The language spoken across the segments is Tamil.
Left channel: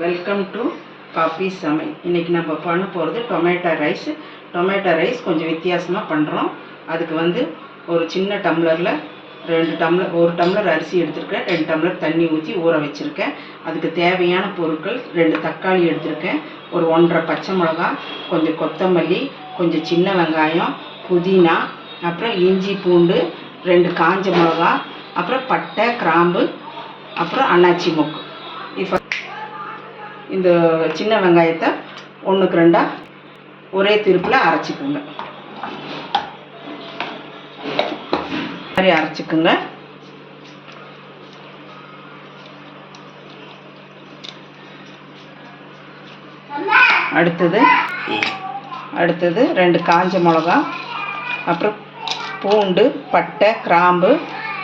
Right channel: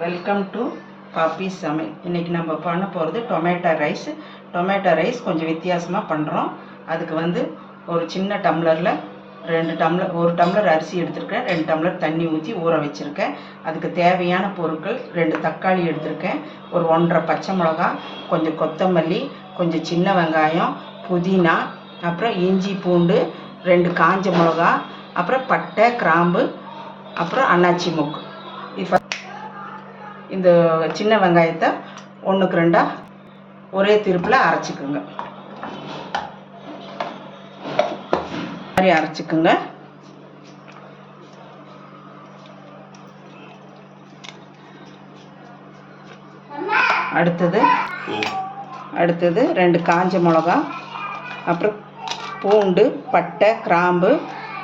வெல்கம் டு பாப்பி சமை இன்றைக்கி நம்ம பண்ண போகிறது டொமேட்டோ ரைஸ் டொமேட்டோ ரைஸ் கொஞ்சம் வித்தியாசமாக பண்ணுறோம் அதுக்கு வந்து ஒரு சின்ன டம்ளரில் ரெண்டு டம்ளர் ஒரு டம்ளர் அரிசி எடுத்திருக்கேன். ரெண்டு டம்ளர் தண்ணி ஊற்றி ஊற வச்சுருக்கேன். அதுக்கு தேவையான பொருட்கள் ரெண்டு தக்காளி எடுத்திருக்கேன். ஒரு ஒன்றரை பச்சை மிளகா கொஞ்சம் கொத்தமல்லி கொஞ்சம் சின்ன வெங்காயம் புதினா அப்புறம் இஞ்சி பூண்டு ரெண்டு காஞ்ச மிளகா அப்புறம் பட்டை கிராம்பு அப்புறம் அன்னாச்சி மொக்கு. இப்போ இந்த சின்ன வெங்காயத்தை ஒன்றுக்கு ரெண்டாக ஒரே திருப்பில் அரைச்சிக்கோங்க. மாதிரி அரைச்சிக்குங்க. அடுத்தது அடுத்தது ரெண்டு காஞ்ச மிளகா அப்புறம் பூண்டு பட்டை கிராம்பு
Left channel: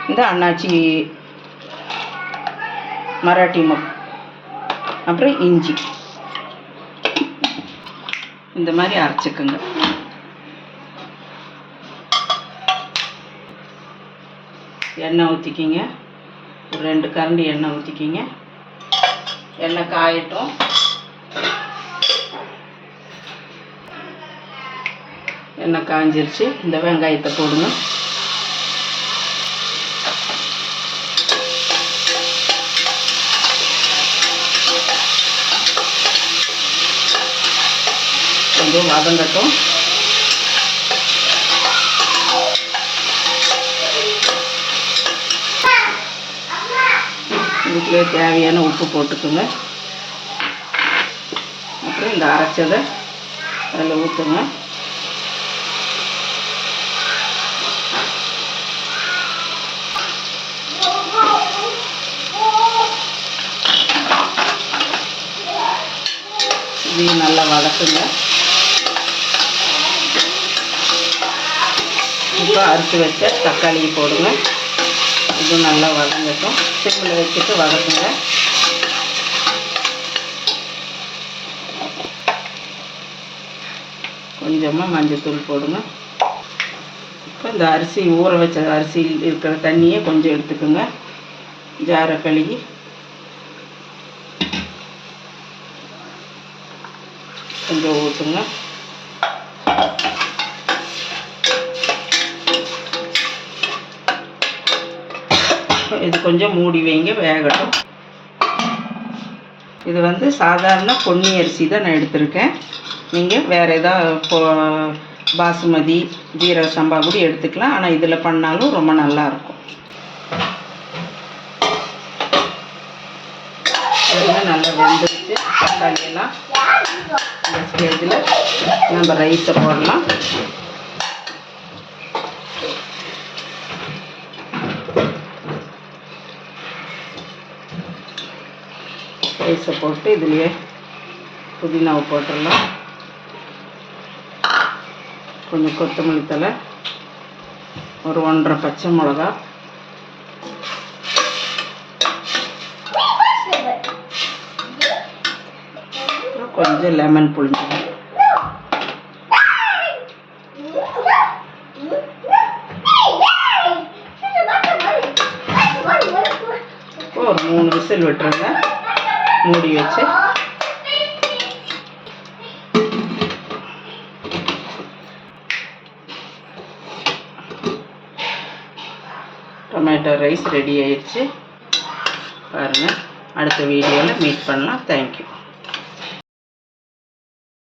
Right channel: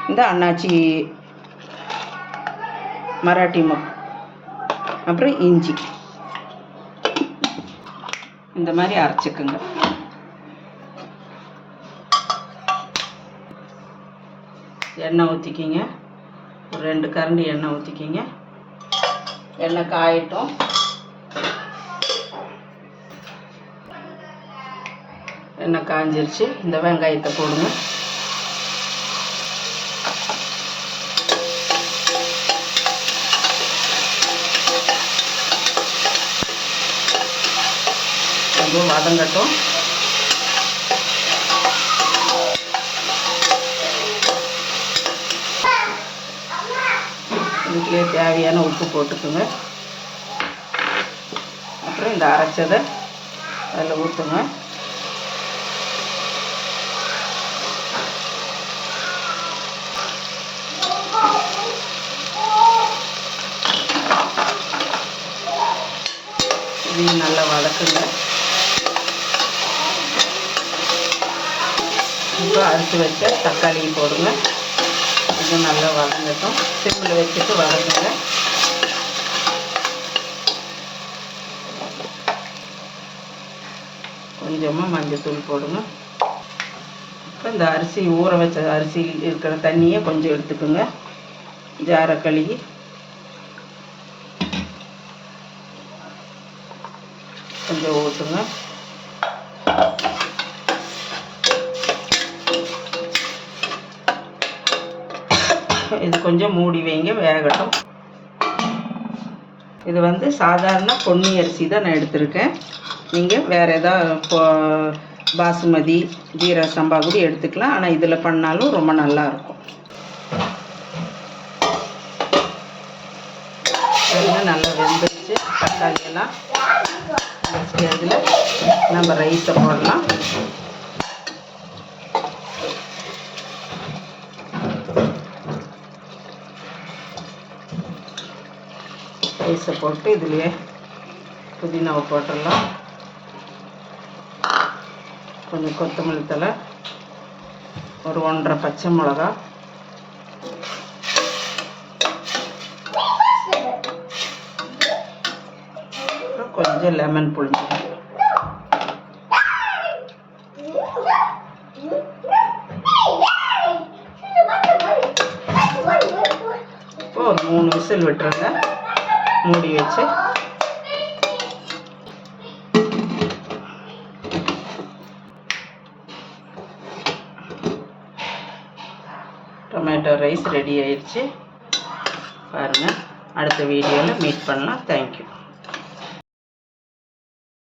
இந்த அன்னாச்சி மராட்டி மொக் அப்புறம் இஞ்சி. இந்த மாதிரி அரைச்சிக்குங்க. எண்ணெய் ஊற்றிக்கிங்க ஒரு ரெண்டு கரண்டி எண்ணெய் ஊற்றிக்கிங்க எண்ணெய் காயட்டும். எண்ணெய் காஞ்சிருச்சு. இந்த வெங்காயத்தை போடுங்க. கொஞ்சம் வதங்கட்டும் இதுக்குள்ளே தேவையான உப்பு போட்டுக்குங்க. அப்புறம் இந்த அரைச்சதை அதில் ஊற்றுங்க. இதையும் நல்லா வதக்குங்க. இப்போ அறுத்து வச்ச தக்காளி போடுங்க. இது நல்லா வதங்கட்டும். சிம்மில் வச்சுட்டு வதக்குங்க. கொஞ்சமாக மஞ்சத்தூள் போடுங்க. இப்போ இந்த அரிசி ஊற வச்ச அரிசி இருக்கிற தண்ணியை கொஞ்சம் எடுத்துக்கோங்க. ஜாரை கழுகி கொஞ்சம் ஊற்றுங்க இது கொஞ்சம் மூடி வைங்க வேகட்டும். இது வந்து சாதாரண பொன்னி அரிசி தான் நான் எடுத்திருக்கேன். நீங்கள் வேறு எதாவது பாசுமதி ஜீரக சம்பா கூட எடுத்துக்கலாம். ஆனால் இதில் பண்ணாலும் ரொம்ப நல்லா இருக்கும். நல்லா வெந்துருச்சு. தக்காளியெல்லாம் இதில் நம்ம ரைத்தை போடலாம். ரைஸை போட்டு இதுலேயே புதினாவை போட்டுடலாம். கொஞ்சம் கொத்தமல்லி தலை ஒரு ஒன்றரை பச்சை மிளகா. கொஞ்சம் லெமன் புளிஞ்சு ஒரு மூணு விசில் விட்டுருங்க. மூடி வச்சு. டொமேட்டோ ரைஸ் ரெடி ஆயிடுச்சு. பாருங்கள் அடுத்த வீடியோவில் மீட் பண்ணலாம். தேங்க்யூ